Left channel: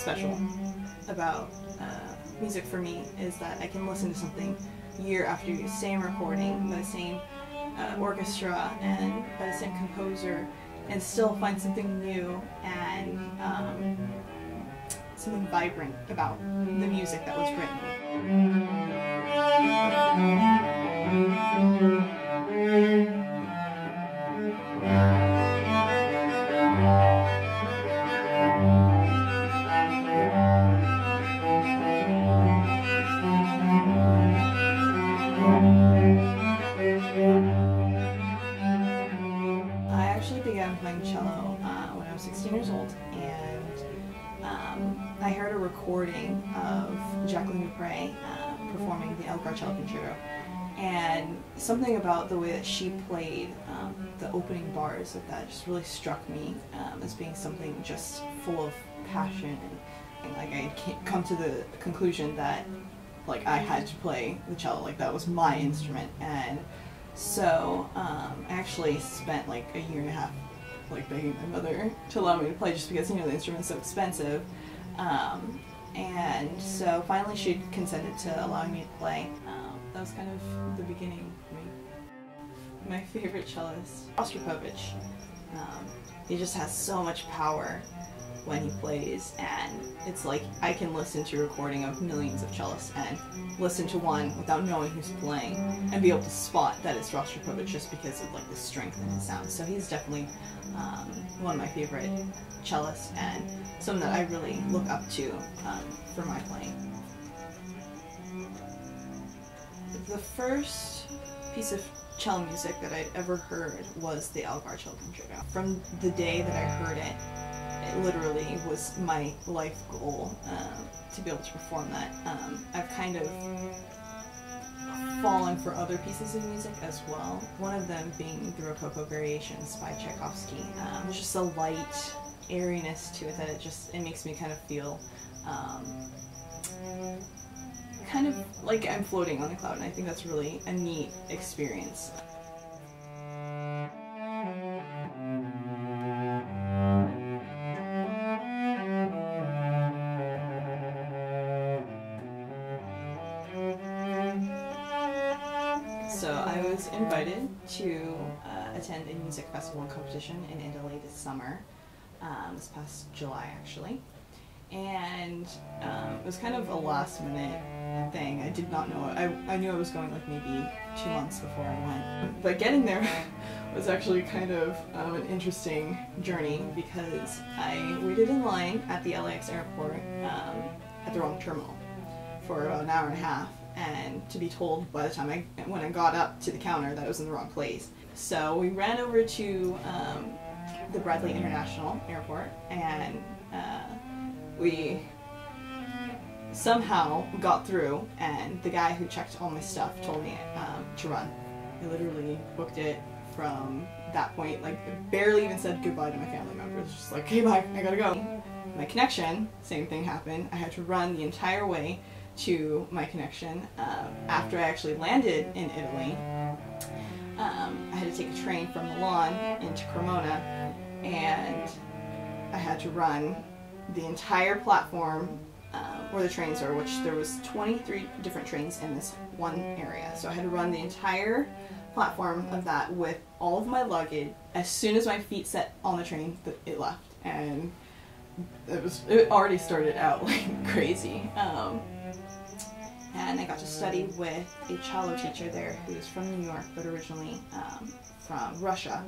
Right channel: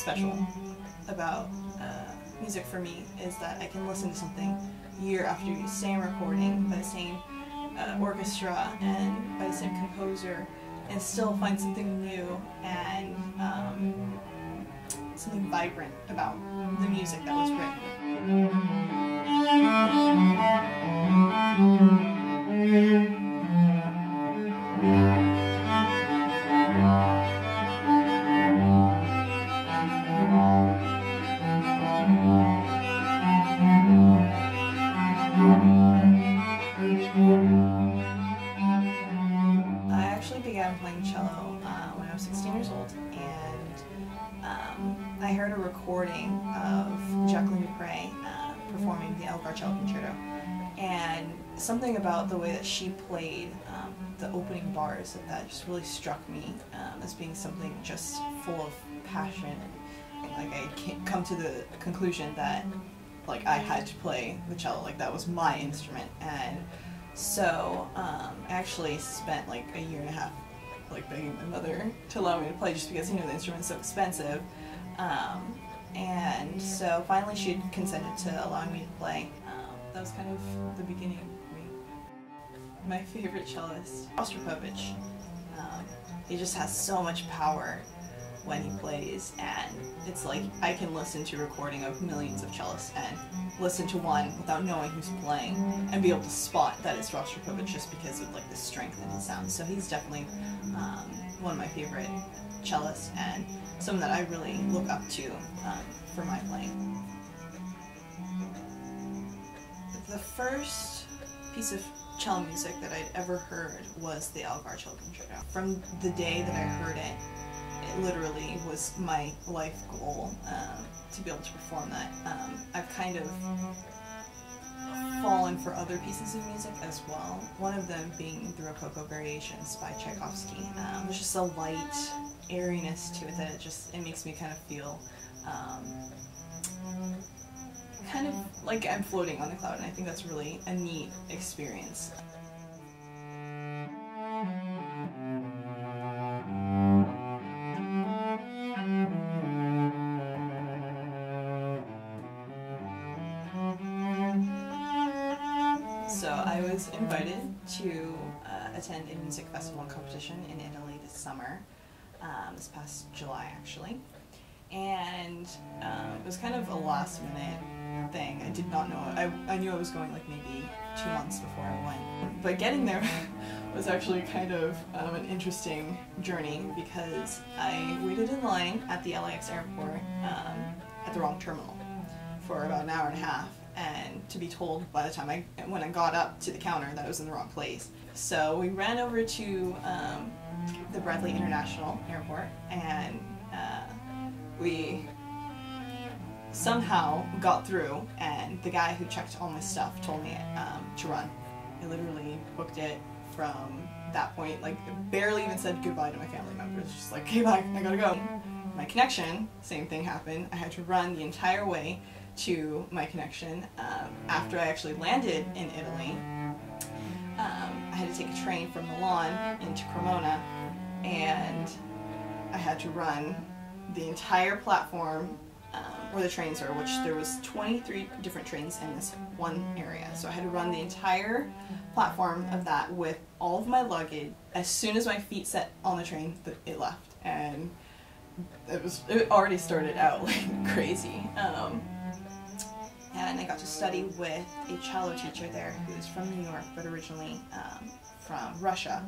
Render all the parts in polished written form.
special about music for me is that I can listen to something year after year, same recording, by the same orchestra and by the same composer, and still find something new and something vibrant about the music that was written. I actually began playing cello when I was 16 years old, and I heard a recording of Jacqueline Dupre performing the Elgar Cello Concerto, and something about the way that she played the opening bars of that just really struck me as being something just full of passion, and like I can't come to the conclusion that like I had to play the cello, like that was my instrument. And so I actually spent like a year and a half like begging my mother to allow me to play, just because, you know, the instrument's so expensive. And so finally she consented to allowing me to play. That was kind of the beginning for me. My favorite cellist, Rostropovich. He just has so much power when he plays, and it's like I can listen to a recording of millions of cellists and listen to one without knowing who's playing and be able to spot that it's Rostropovich just because of like the strength in his sound. So he's definitely one of my favorite cellists and someone that I really look up to for my playing. The first piece of cello music that I'd ever heard was the Elgar Cello Concerto. From the day that I heard it, it literally was my life goal to be able to perform that. I've kind of fallen for other pieces of music as well, one of them being the Rococo Variations by Tchaikovsky. There's just a light airiness to it that it makes me kind of feel kind of like I'm floating on a cloud, and I think that's really a neat experience. So I was invited to attend a music festival and competition in Italy this summer, this past July actually, and it was kind of a last minute thing. I did not know it. I knew I was going like maybe 2 months before I went, but getting there was actually kind of an interesting journey, because I waited in line at the LAX airport at the wrong terminal for about an hour and a half, and to be told by the time when I got up to the counter that I was in the wrong place. So we ran over to the Bradley International Airport, and we somehow got through, and the guy who checked all my stuff told me to run. I literally booked it from that point, like barely even said goodbye to my family members, just like, hey, bye, I gotta go. My connection, same thing happened. I had to run the entire way to my connection. After I actually landed in Italy, I had to take a train from Milan into Cremona, and I had to run the entire platform where the trains are, which there was 23 different trains in this one area. So I had to run the entire platform of that with all of my luggage. As soon as my feet set on the train, it left, and it already started out like crazy. And I got to study with a cello teacher there who was from New York but originally from Russia,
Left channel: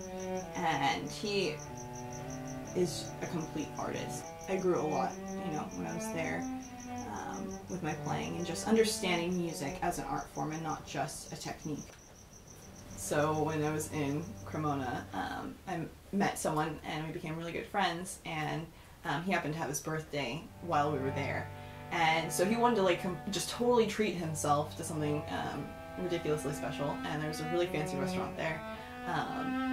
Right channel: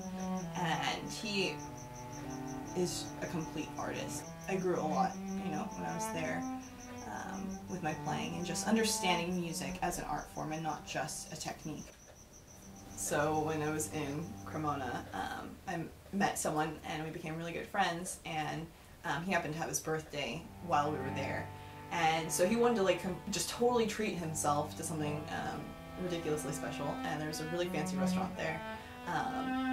and he is a complete artist. I grew a lot, you know, when I was there with my playing and just understanding music as an art form and not just a technique. So when I was in Cremona, I met someone and we became really good friends, and he happened to have his birthday while we were there. And so he wanted to like just totally treat himself to something ridiculously special, and there's a really fancy restaurant there.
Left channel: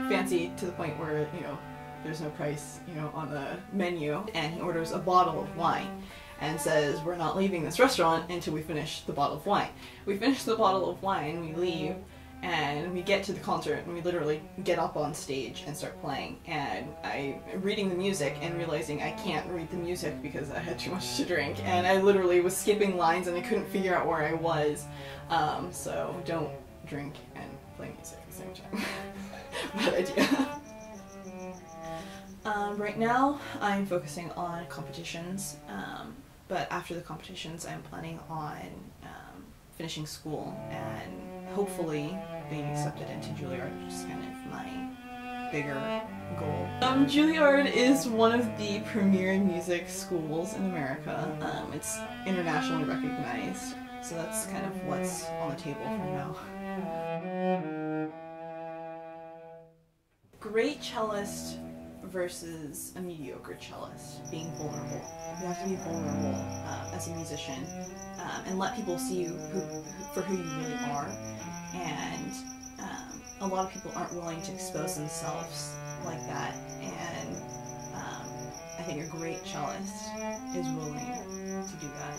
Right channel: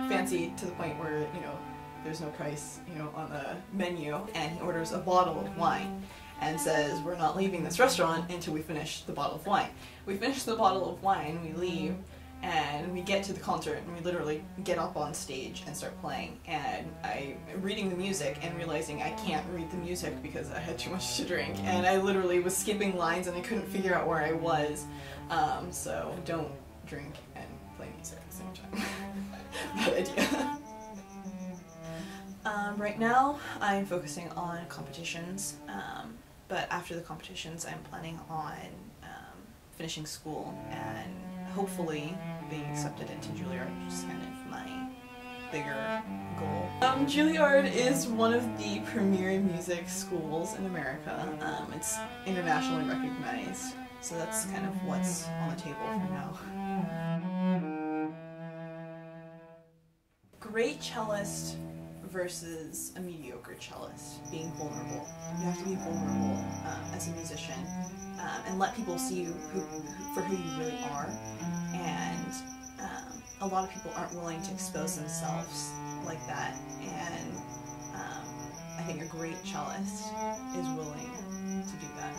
Fancy to the point where, you know, there's no price, you know, on the menu, and he orders a bottle of wine and says, we're not leaving this restaurant until we finish the bottle of wine. We finish the bottle of wine, we leave, And we get to the concert and we literally get up on stage and start playing, and I'm reading the music and realizing I can't read the music because I had too much to drink, and I literally was skipping lines and I couldn't figure out where I was. So don't drink and play music at the same time. Bad idea. Right now I'm focusing on competitions, but after the competitions I'm planning on finishing school and hopefully being accepted into Juilliard, which is kind of my bigger goal. Juilliard is one of the premier music schools in America. It's internationally recognized, so that's kind of what's on the table for now. Great cellist versus a mediocre cellist. Being vulnerable. You have to be vulnerable as a musician and let people see you for who you really are. And a lot of people aren't willing to expose themselves like that. And I think a great cellist is willing to do that.